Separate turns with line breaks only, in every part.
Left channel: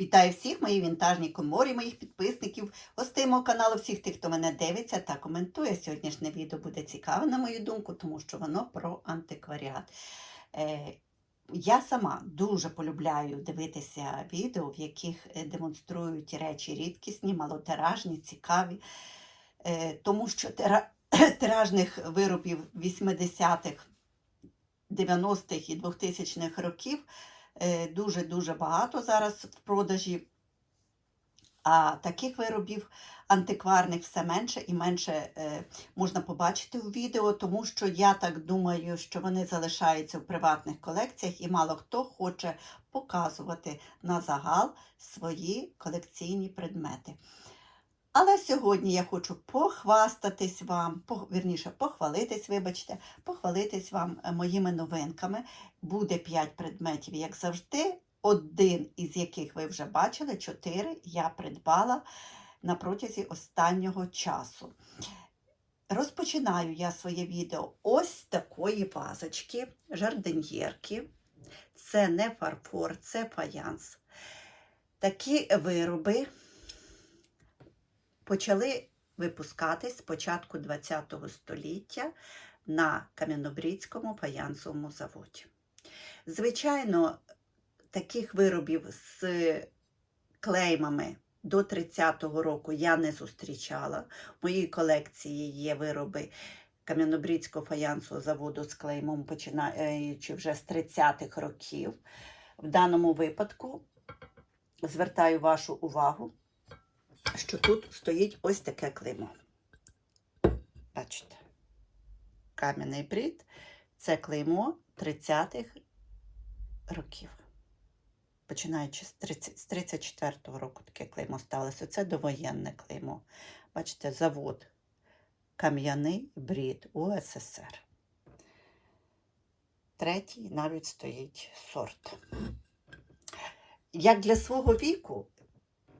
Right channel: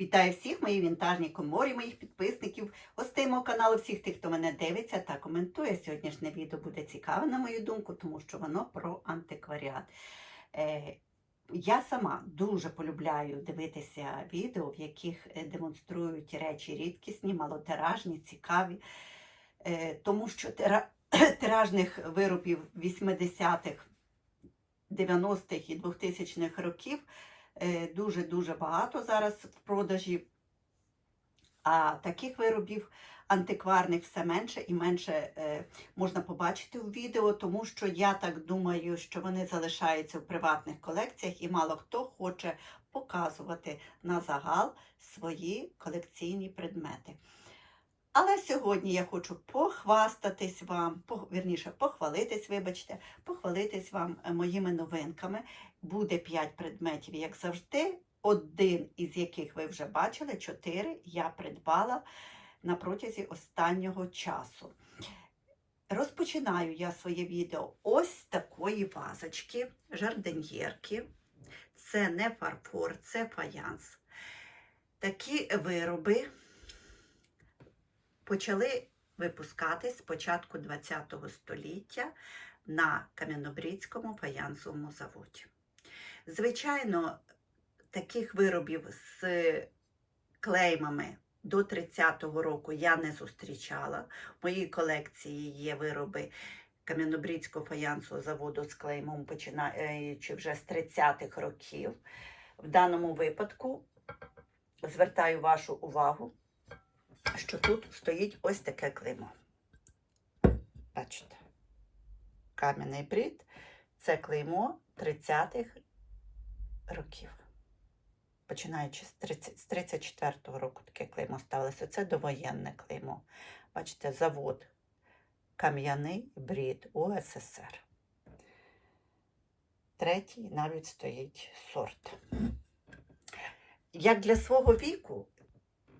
Вітаю всіх, мої вінтажні коморі, моїх підписників, гостей мого каналу, всіх тих, хто мене дивиться та коментує. Сьогоднішнє відео буде цікаве, на мою думку, тому що воно про антикваріат. Е, я сама дуже полюбляю дивитися відео, в яких е, демонструють речі рідкісні, малотиражні, цікаві, е, тому що тира- тиражних виробів 80-х, 90-х і 2000-х років дуже-дуже багато зараз в продажі. А таких виробів антикварних все менше і менше е, можна побачити у відео, тому що я так думаю, що вони залишаються в приватних колекціях і мало хто хоче показувати на загал свої колекційні предмети. Але сьогодні я хочу похвастатись вам, вірніше, похвалитись, вибачте, похвалитись вам е, моїми новинками. Буде 5 предметів, як завжди. Один із яких ви вже бачили, чотири я придбала на протязі останнього часу. Розпочинаю я своє відео ось такої вазочки, жардиньєрки. Це не фарфор, це фаянс. Такі вироби почали випускатись з початку ХХ століття на Кам'янобрідському фаянсовому заводі. Звичайно, таких виробів з клеймами до 30-го року я не зустрічала. В моїй колекції є вироби Кам'янобрідського фаянсового заводу з клеймом, починаючи вже з 30-х років. В даному випадку звертаю вашу увагу, що тут стоїть ось таке клеймо. Бачите, кам'яний брід це клеймо 30-х років. Починаючи з 30 з 34-го року таке клеймо ставилося. Це довоєнне клеймо. Бачите, завод Кам'яний брід УССР. Третій навіть стоїть сорт. Як для свого віку,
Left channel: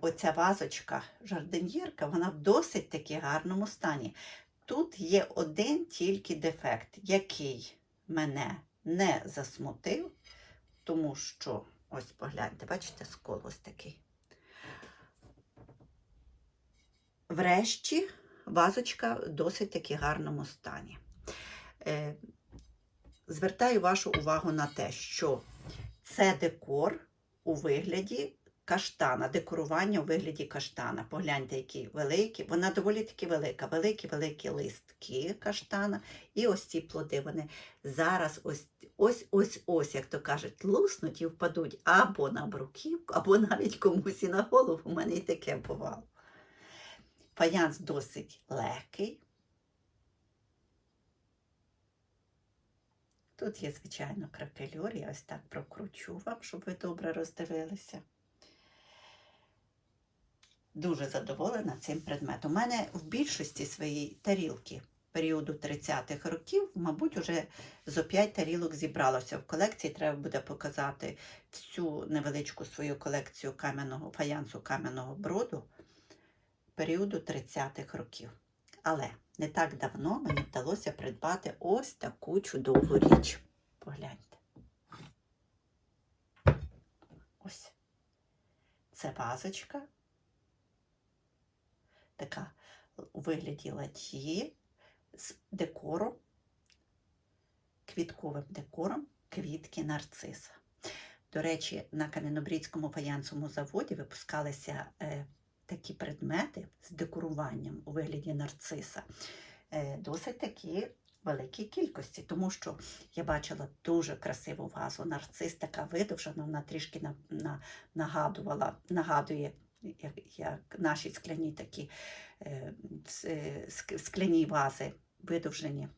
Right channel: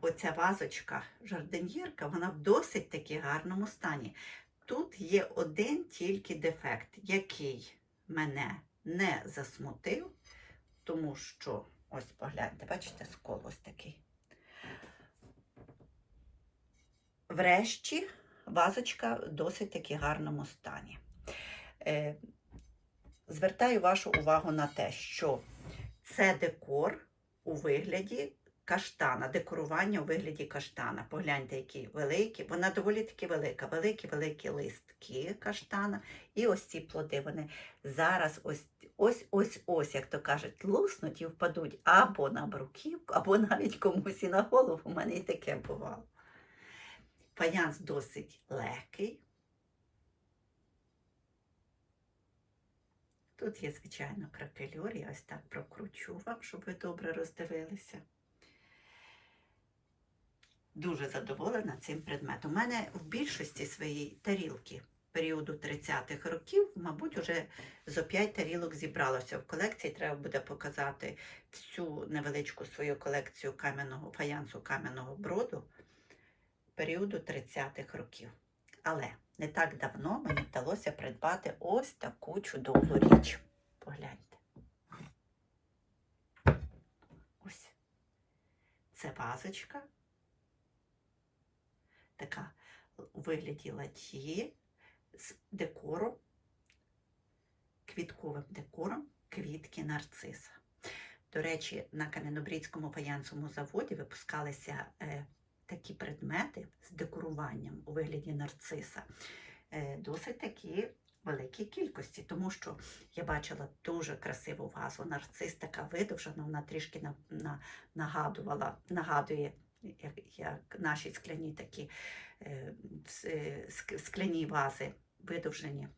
оця вазочка жардиньєрка, вона в досить таки гарному стані. Тут є один тільки дефект, який мене не засмутив, тому що, ось погляньте, бачите, скол ось такий. Врешті вазочка в досить таки гарному стані. Е, звертаю вашу увагу на те, що це декор у вигляді каштана, декорування у вигляді каштана. Погляньте, які великі. Вона доволі таки велика. Великі-великі листки каштана. І ось ці плоди вони зараз ось ось ось ось, як то кажуть, луснуть і впадуть або на бруківку, або навіть комусь і на голову. У мене і таке бувало. Фаянс досить легкий. Тут є, звичайно, кракелюр, я ось так прокручу вам, щоб ви добре роздивилися. Дуже задоволена цим предметом. У мене в більшості своєї тарілки періоду 30-х років, мабуть, уже зо 5 тарілок зібралося в колекції. Треба буде показати всю невеличку свою колекцію кам'яного фаянсу кам'яного броду періоду 30-х років. Але не так давно мені вдалося придбати ось таку чудову річ. Погляньте. Ось. Це вазочка. Така у вигляді ладьї з декором, квітковим декором квітки нарциса. До речі, на Кам'янобрідському фаянсовому заводі випускалися е, такі предмети з декоруванням у вигляді нарциса. Е, досить такі великій кількості, тому що я бачила дуже красиву вазу. Нарцис така видовжена, вона трішки на, на, нагадувала, нагадує як, як наші скляні такі е, е, ск- скляні вази, видовжені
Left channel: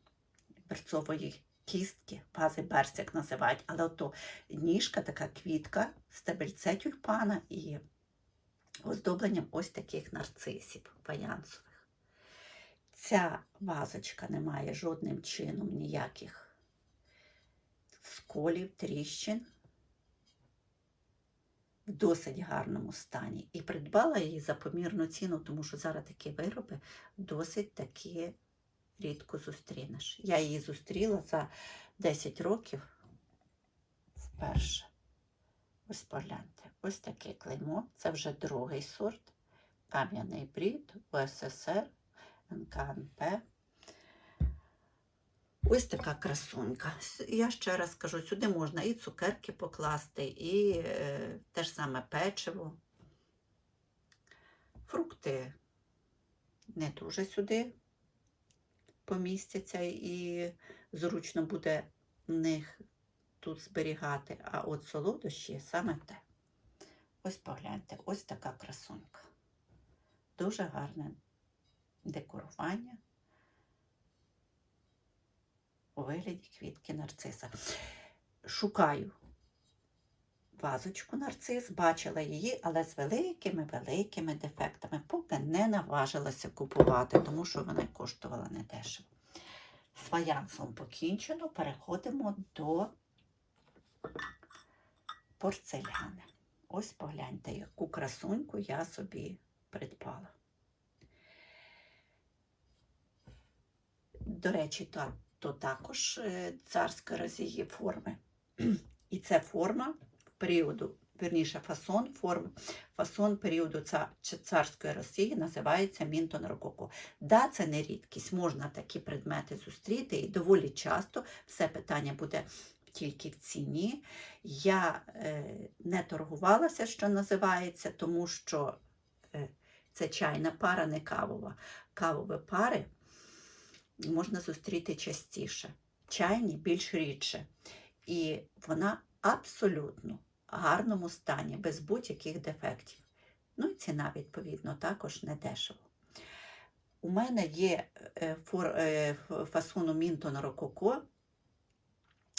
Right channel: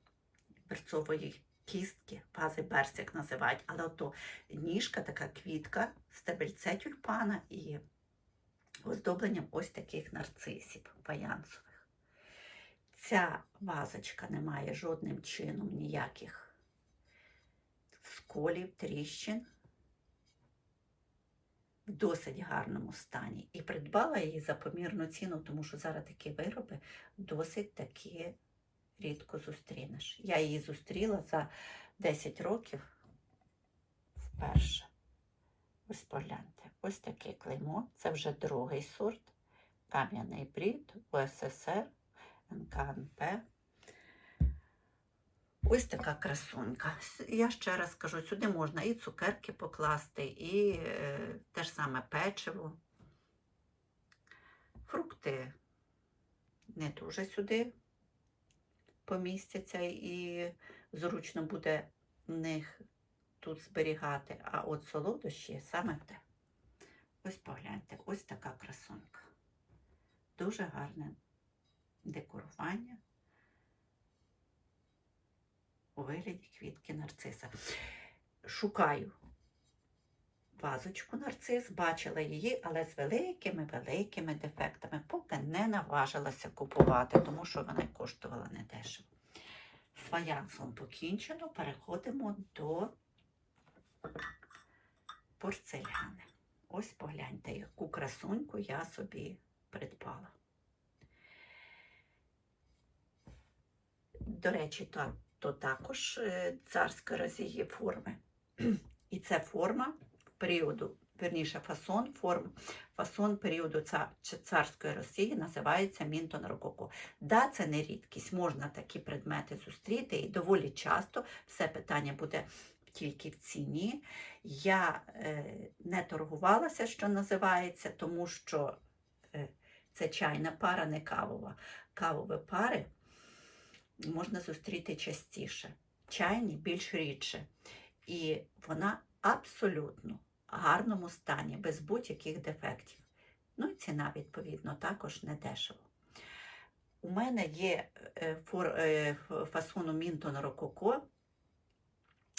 берцової кістки, вази берсяк називають, але ото ніжка, така квітка, стебельце тюльпана і оздобленням ось таких нарцисів фаянсових. Ця вазочка не має жодним чином ніяких сколів, тріщин. В досить гарному стані. І придбала її за помірну ціну, тому що зараз такі вироби досить таки рідко зустрінеш. Я її зустріла за 10 років вперше. Ось погляньте, ось таке клеймо. Це вже другий сорт. Кам'яний брід, УССР, НКНП. Ось така красунька. Я ще раз кажу, сюди можна і цукерки покласти, і е, те ж саме печиво. Фрукти не дуже сюди помістяться і зручно буде них тут зберігати. А от солодощі саме те. Ось погляньте, ось така красунька. Дуже гарне декорування у вигляді квітки нарциса. Шукаю вазочку нарцис, бачила її, але з великими-великими дефектами, поки не наважилася купувати, тому що вона коштувала недешево. З фаянсом покінчено, переходимо до порцеляни. Ось погляньте, яку красуньку я собі придбала. До речі, то, то також е, царської Росії форми. І це форма періоду, верніше фасон, форм, фасон періоду ца- царської Росії називається Мінтон Рококо. Да, це не рідкість, можна такі предмети зустріти, і доволі часто все питання буде тільки в ціні. Я е, не торгувалася, що називається, тому що е, це чайна пара, не кавова. Кавові пари можна зустріти частіше, чайні більш рідше. І вона абсолютно в гарному стані, без будь-яких дефектів. Ну і ціна, відповідно, також не дешево. У мене є е, е, ф- фасону Мінтон Рококо.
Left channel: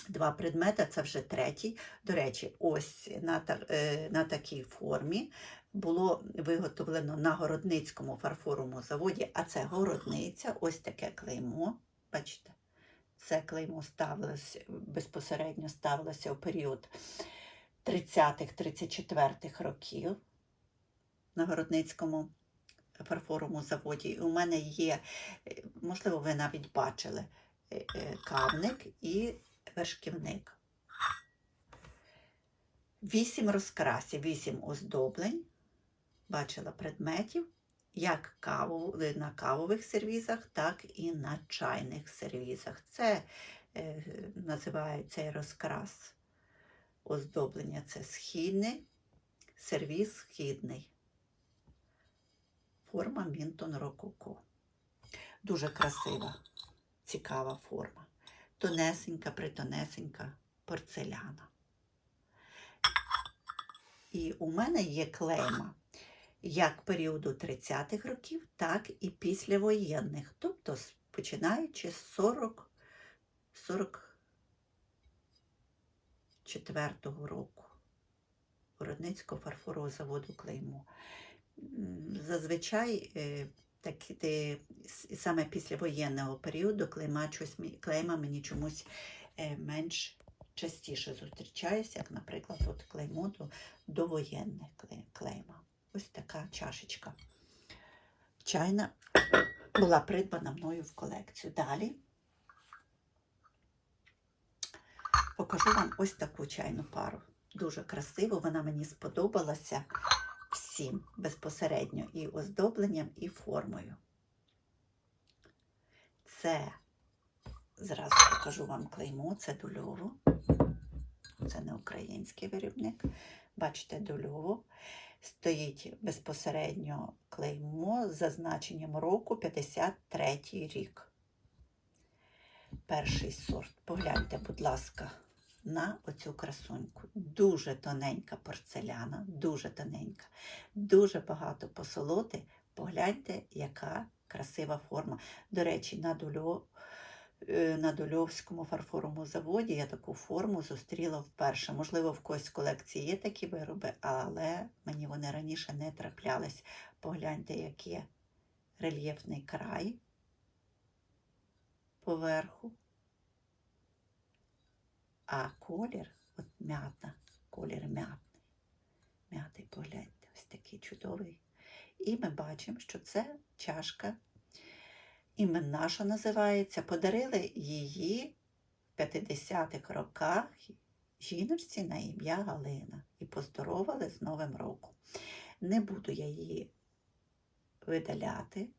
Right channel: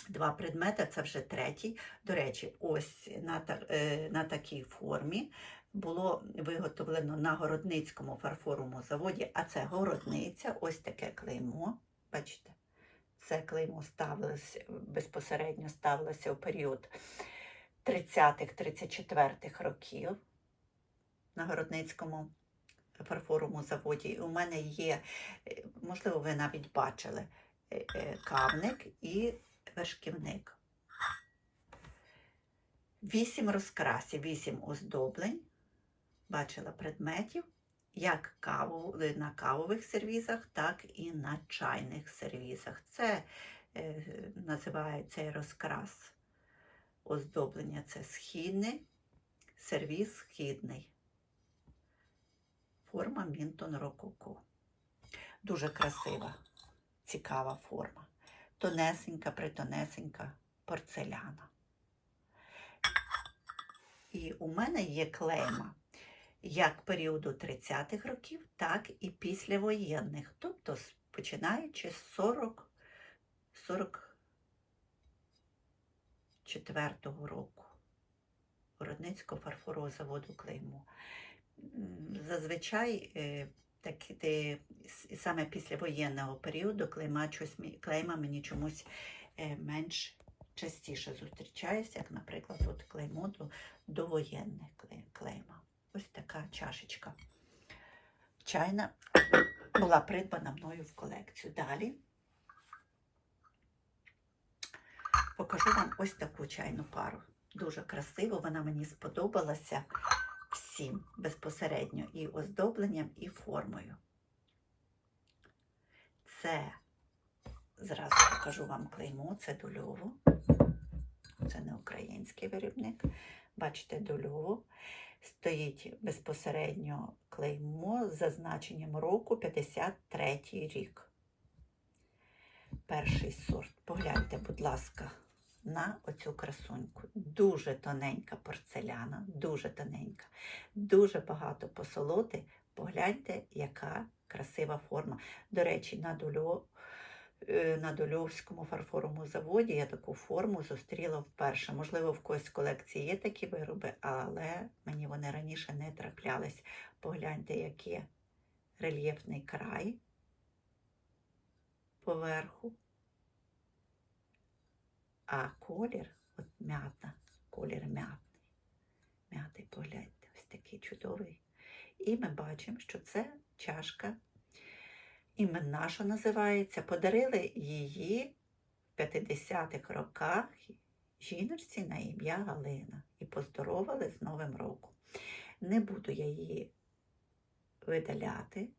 Два предмети, це вже третій. До речі, ось на, е, на такій формі було виготовлено на Городницькому фарфоровому заводі, а це городниця, ось таке клеймо. Бачите, це клеймо ставилося безпосередньо ставилося у період 30-34 років на Городницькому фарфоровому заводі. І у мене є, е, можливо, ви навіть бачили, е, е, кавник і вершківник. Вісім розкрасів, вісім оздоблень. Бачила предметів, як каву, на кавових сервізах, так і на чайних сервізах. Це е, називає цей розкрас оздоблення. Це східний, сервіз східний. Форма Мінтон Рококо. Дуже красива, цікава форма. Тонесенька, притонесенька порцеляна. І у мене є клейма як періоду 30-х років, так і післявоєнних, тобто починаючи з 40, 44-го року. Городницького фарфорового заводу клеймо. М, Зазвичай е, так, де, саме після воєнного періоду клейма, щось, мі- клейма мені чомусь е, менш частіше зустрічаюся, як, наприклад, от клеймо до, довоєнне кле- клейма. Ось така чашечка. Чайна була придбана мною в колекцію. Далі покажу вам ось таку чайну пару. Дуже красиво, вона мені сподобалася всім безпосередньо і оздобленням, і формою. Це зразу покажу вам клеймо, це дульово. Це не український виробник. Бачите, дульово. Стоїть безпосередньо клеймо з зазначенням року 53 рік. Перший сорт. Погляньте, будь ласка, на оцю красуньку. Дуже тоненька порцеляна, дуже тоненька, дуже багато посолоти. Погляньте, яка красива форма. До речі, на Дульо, на Дульовському фарфоровому заводі я таку форму зустріла вперше. Можливо, в когось колекції є такі вироби, але мені вони раніше не траплялись. Погляньте, який рельєфний край поверху. А колір, от м'ята, колір м'ятний. М'ятий, погляньте, ось такий чудовий. І ми бачимо, що це чашка іменна, що називається. Подарили її в 50-х роках жіночці на ім'я Галина і поздоровали з Новим роком. Не буду я її видаляти,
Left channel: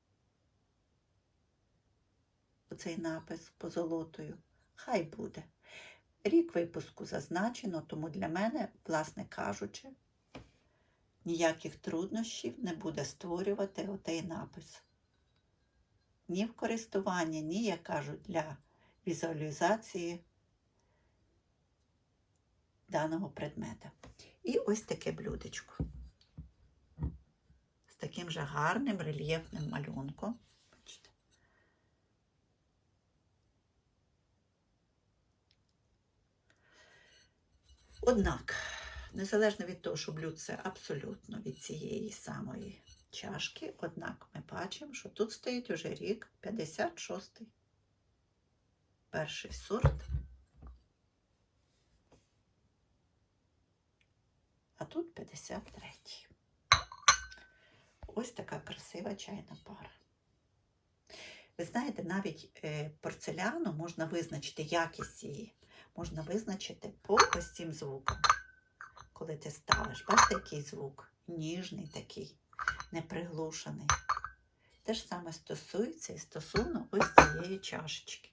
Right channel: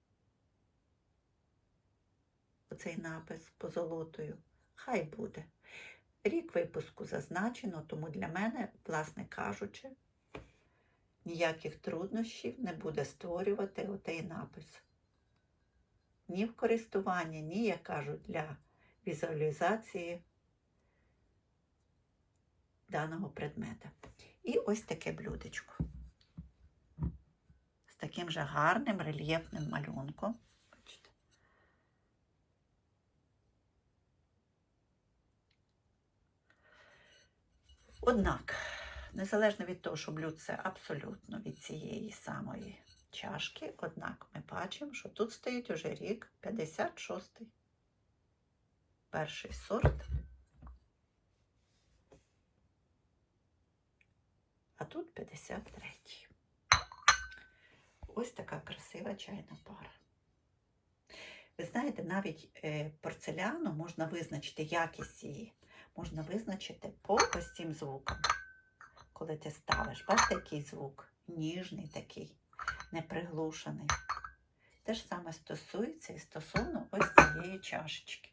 оцей напис позолотою. Хай буде. Рік випуску зазначено, тому для мене, власне кажучи, ніяких труднощів не буде створювати отей напис. Ні в користуванні, ні, як кажуть, для візуалізації даного предмета. І ось таке блюдечко. З таким же гарним рельєфним малюнком. Однак, незалежно від того, що блюдце абсолютно від цієї самої чашки, однак ми бачимо, що тут стоїть уже рік 56-й. Перший сорт. А тут 53-й. Ось така красива чайна пара. Ви знаєте, навіть е, порцеляну можна визначити якість її. Можна визначити по ось цим звукам. Коли ти ставиш, бачите, який звук? Ніжний такий, неприглушений. Те ж саме стосується і стосовно ось цієї чашечки.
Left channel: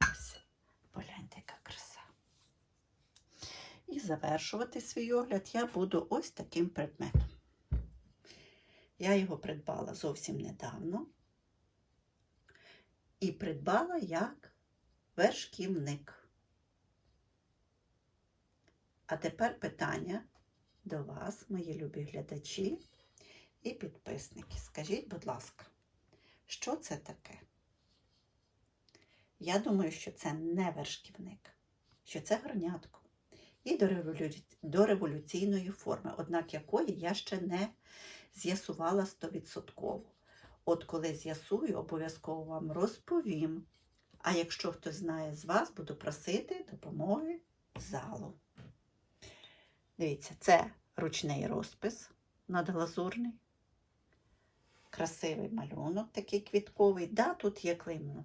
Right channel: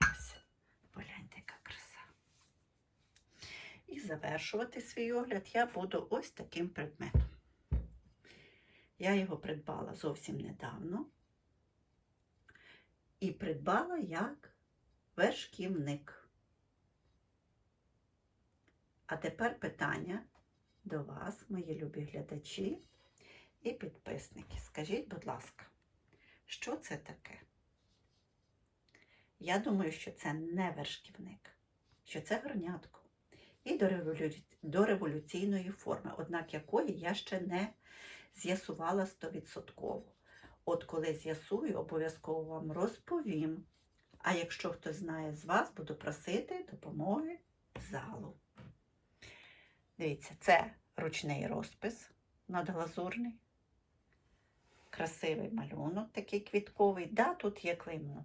Ось, погляньте, яка краса. І завершувати свій огляд я буду ось таким предметом. Я його придбала зовсім недавно. І придбала як вершківник. А тепер питання до вас, мої любі глядачі і підписники. Скажіть, будь ласка, що це таке? Я думаю, що це не вершківник, що це горнятко. І до, до революційної форми, однак якої я ще не з'ясувала стовідсотково. От коли з'ясую, обов'язково вам розповім. А якщо хтось знає з вас, буду просити допомоги залу. Дивіться, це ручний розпис надглазурний. Красивий малюнок, такий квітковий. Да, тут є клеймо.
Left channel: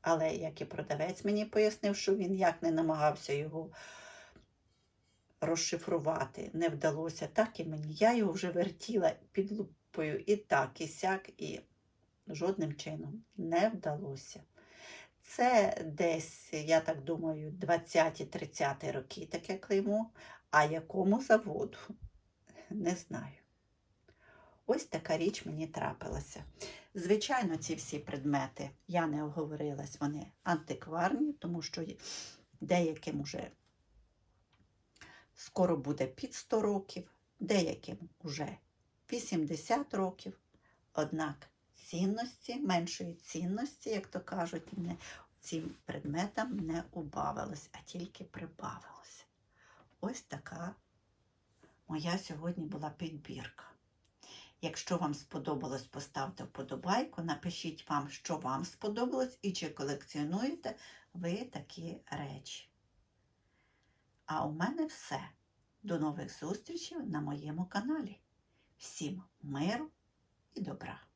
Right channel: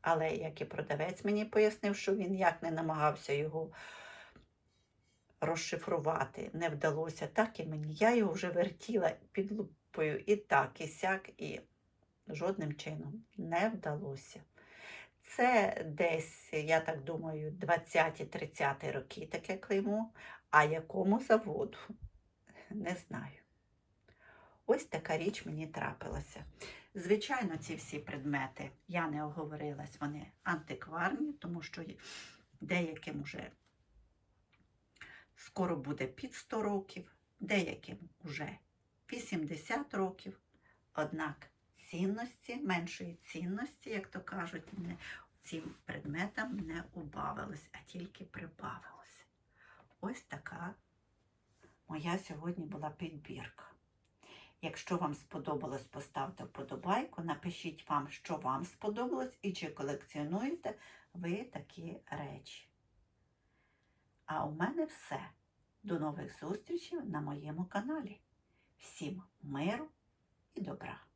Але як і продавець мені пояснив, що він як не намагався його розшифрувати, не вдалося, так і мені. Я його вже вертіла під лупою і так, і сяк, і жодним чином не вдалося. Це десь, я так думаю, 20-30 роки таке клеймо, а якому заводу не знаю. Ось така річ мені трапилася. Звичайно, ці всі предмети, я не оговорилась, вони антикварні, тому що деяким уже скоро буде під 100 років, деяким уже 80 років. Однак цінності, меншої цінності, як то кажуть, цим предметам не убавилось, а тільки прибавилось. Ось така моя сьогодні була підбірка. Якщо вам сподобалось, поставте вподобайку, напишіть вам, що вам сподобалось, і чи колекціонуєте ви такі речі. А у мене все. До нових зустрічей на моєму каналі. Всім миру і добра!